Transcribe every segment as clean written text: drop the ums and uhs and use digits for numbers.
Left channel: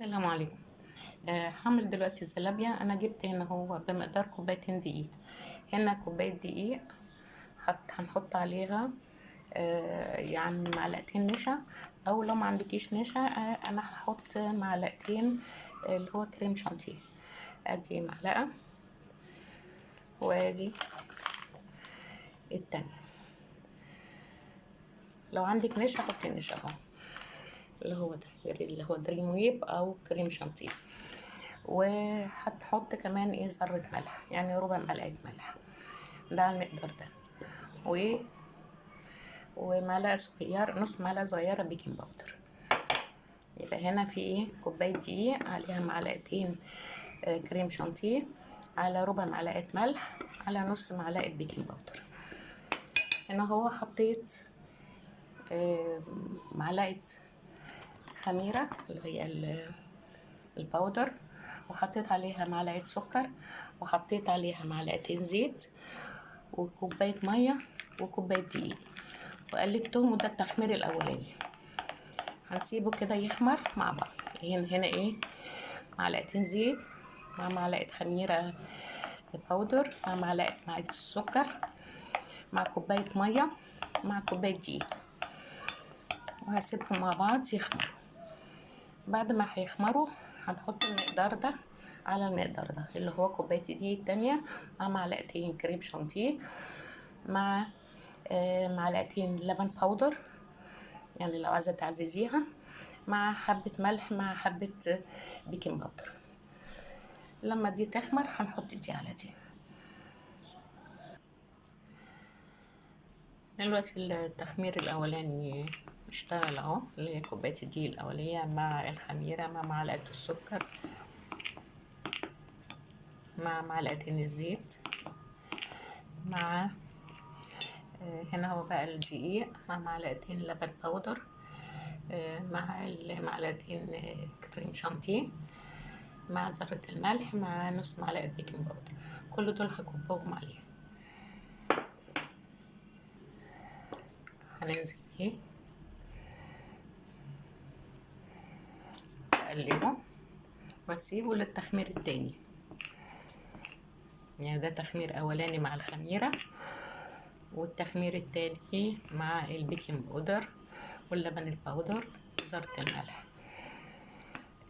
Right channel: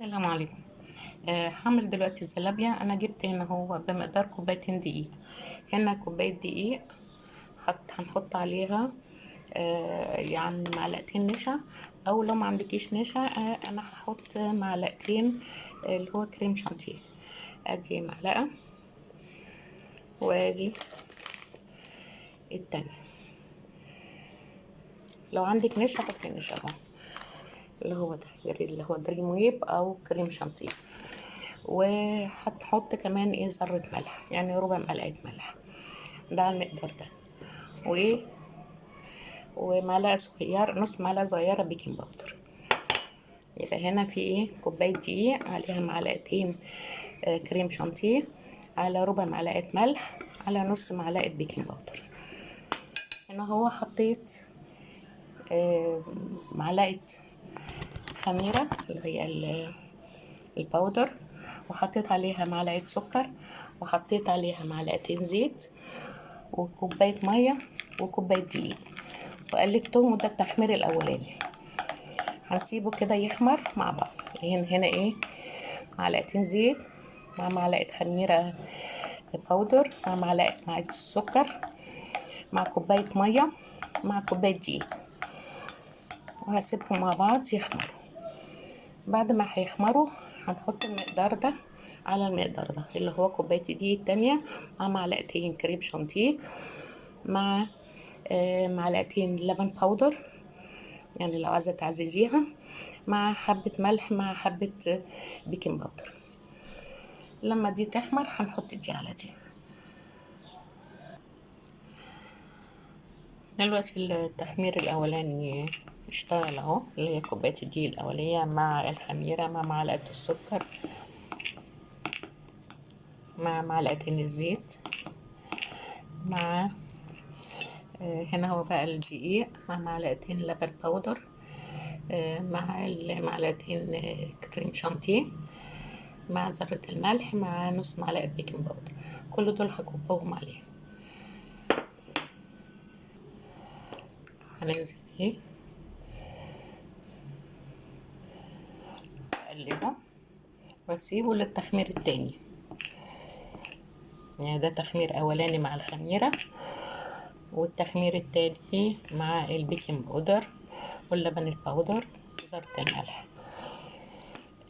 السلام عليكم. هعمل دلوقتي الزلابية. انا جبت هنا هو بمقدار كوبايتين دقيق. هنا كوباية دقيق هنحط عليها يعني معلقتين نشا، او لو ما عندكيش نشا انا هحط معلقتين اللي هو كريم شانتيه. ادي معلقة وادي التانية. لو عندك نشا حطي نشا اهو، اللي هو ده اللي هو دريم ويب او كريم شانتيه. وهتحط كمان ذرة ملح، يعني ربع معلقة ملح، ده على المقدار ده. ومعلقة صغيرة، نص معلقة صغيرة بيكنج باودر. يبقى هنا في كوباية دقيق عليها معلقتين كريم شانتيه، على ربع معلقة ملح، على نص معلقة بيكنج باودر. هنا هو حطيت معلقة خميرة اللي هي الباودر، وحطيت عليها معلقة سكر، وحطيت عليها معلقتين زيت، وكوباية مية، وكوباية دقيق، وقلبتهم. وده التخمير الأولاني. هنسيبه كده يخمر مع بعض. هنا معلقتين زيت مع معلقة خميرة باودر مع معلقة السكر مع كوباية مية مع كوباية دقيق، وهسيبهم مع بعض يخمروا. بعد ما هيخمروا هنحط المقدار ده على المقدار ده، اللي هو كوباية الدقيق التانية مع معلقتين كريم شانتيه مع معلقتين لبن باودر، يعني لو عايزة تعززيها، مع حبة ملح مع حبة بيكنج باودر. لما دي تخمر هنحط دي على دي. دلوقتي التخمير الأولاني اشتغل اهو، اللي هي كوباية الدقيق الأولية مع الخميرة مع معلقة السكر مع معلقتين الزيت مع هنا هو بقى الدقيق مع معلقتين لبن باودر مع معلقتين كريم شانتيه مع ذرة الملح مع نص معلقة بيكنج باودر. كل دول هكبهم عليه. هننزل بيه، اقلبه واسيبه للتخمير التاني. يعني ده تخمير اولاني مع الخميرة، والتخمير التاني مع البيكنج باودر واللبن الباودر وذرة الملح.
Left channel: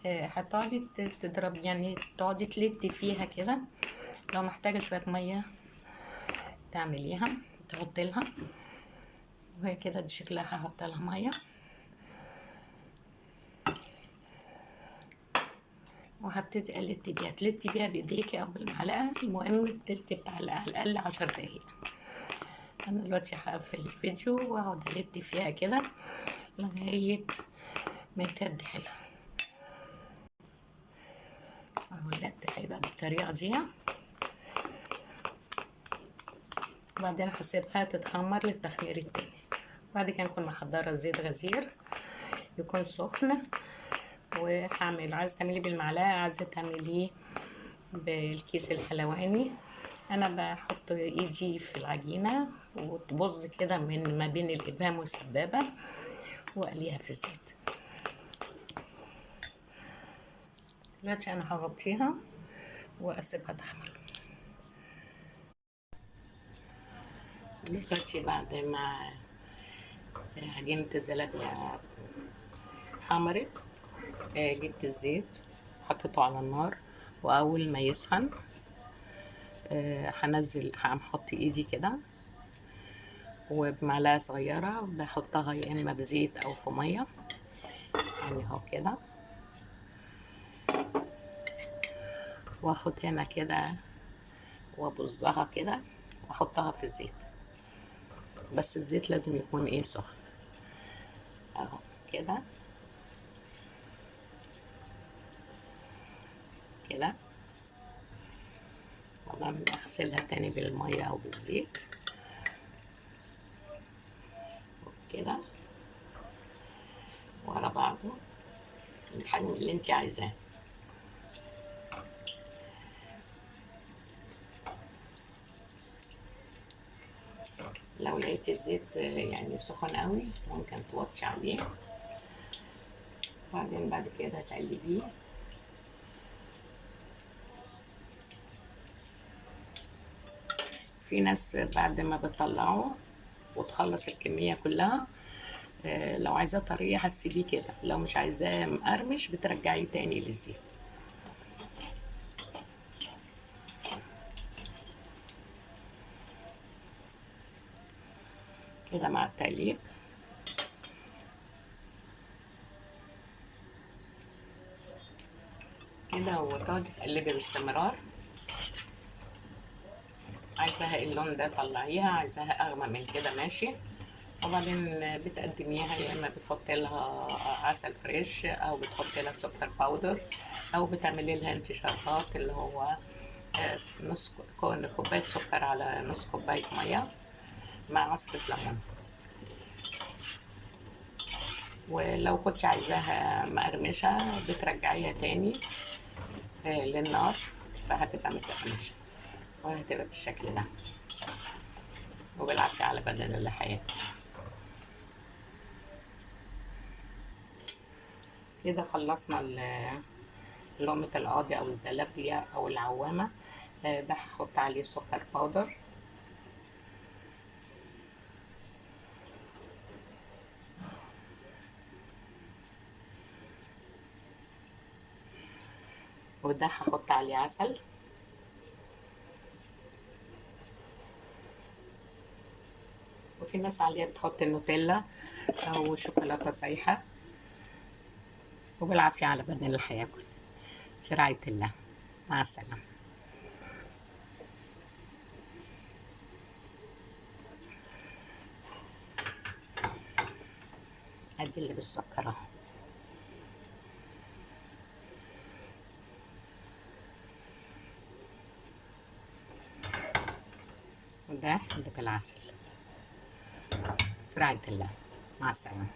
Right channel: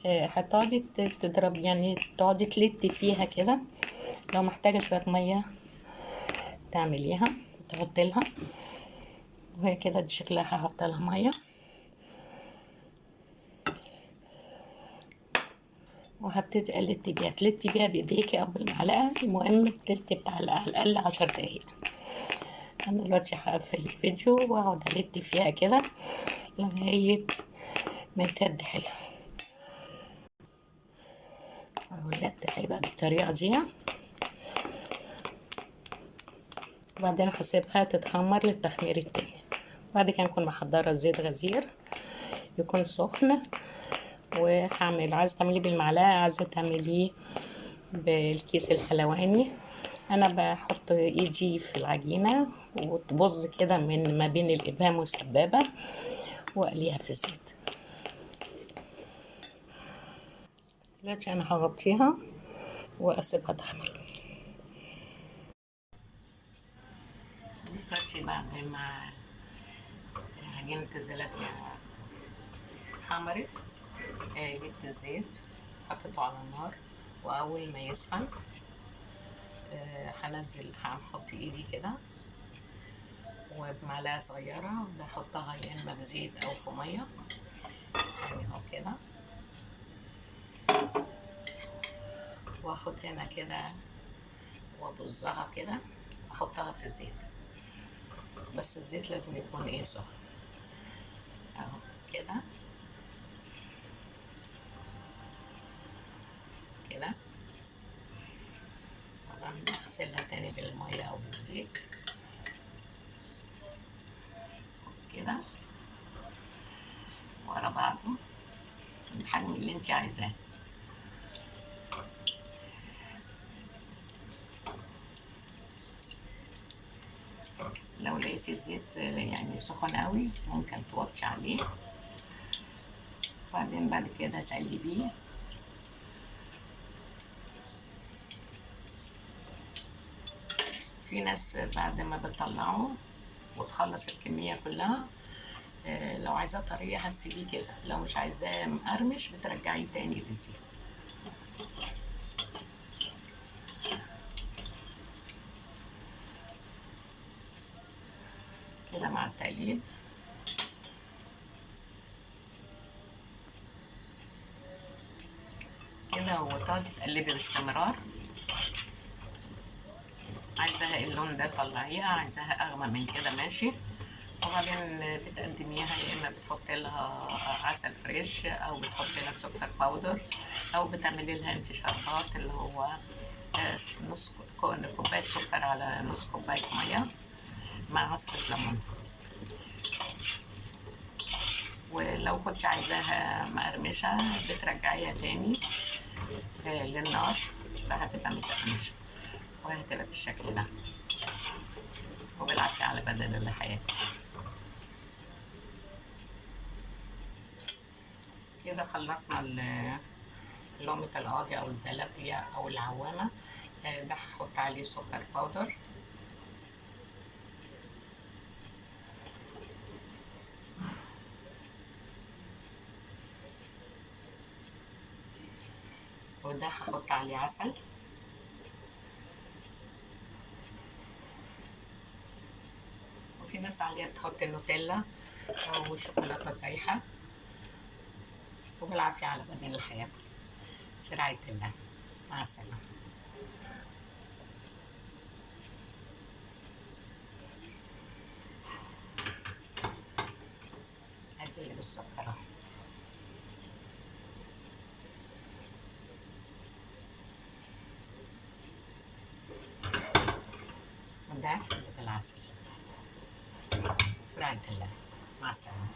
هتقعدي تضرب، يعني تقعدي تلتي فيها كده. لو محتاجة شوية مية تعمليها، تحطي لها، وهي كده دي شكلها. هحط لها مية وهبتدي تلتي بيها بايديكي او بالمعلقة. المهم تلتي بتاع على الاقل 10 دقايق. انا دلوقتي هقفل الفيديو واقعد الت فيها كده لغاية ما يتهد حلو. اهو اللت هيبقى بالطريقة دي. وبعدين هسيبها تتخمر للتخمير التاني. بعد كده نكون محضرة زيت غزير يكون سخن، وهعمل، عايزة تعمليه بالمعلقة، عايزة تعمليه بالكيس الحلواني. انا بحط ايدي في العجينة وتبظ كده من ما بين الابهام والسبابة، واقليها في الزيت. دلوقتي انا هغطيها واسيبها تخمر. دلوقتي بعد ما عجينة الزلابية خمرت، جبت الزيت حطيته على النار، واول ما يسخن هنزل، هحط ايدي كده وبمعلقة صغيرة بحطها يا اما بزيت او في مية، يعني اهو كده. واخد هنا كده وابزها كده واحطها في الزيت، بس الزيت لازم يكون سخن اهو كده كده. طبعا اغسلها تاني بالمية او بالزيت كده ورا بعضه الحجم اللي انت عايزاه. لو لقيتي الزيت يعني سخن قوي ممكن توطي عليه وبعدين بعد كده تقلبيه. في ناس بعد ما بتطلعه وتخلص الكمية كلها، لو عايزاه طرية هتسيبيه كده، لو مش عايزاه مقرمش بترجعيه تاني للزيت كده مع التقليب. كده وتقعدي تقلبي باستمرار. عايزاها اللون ده طلعيها، عايزاها اغمق من كده ماشي. وبعدين بتقدميها يا اما بتحطي لها عسل فريش، او بتحطي لها سكر باودر، او بتعملي لها انت شربات اللي هو نص كوبايه سكر على نص كوبايه ميه مع عصره ليمون. ولو كنت عايزاها مقرمشه بترجعيها تاني للنار، فهتبقى متقرمشه وهتبقى بالشكل ده. وبالعافيه على بدن اللي حياتي. كده خلصنا لقمة القاضي أو الزلابية أو العوامة. ده هحط عليه سكر باودر، وده هحط عليه عسل، وفي ناس عليها بتحط نوتيلا أو شوكولاتة سايحة. وبالعافية على بدن اللي هياكل، في رعاية الله. مع السلامة. ادي اللي بالسكر اهو. وده اللي بالعسل، في رعاية الله. مع السلامة.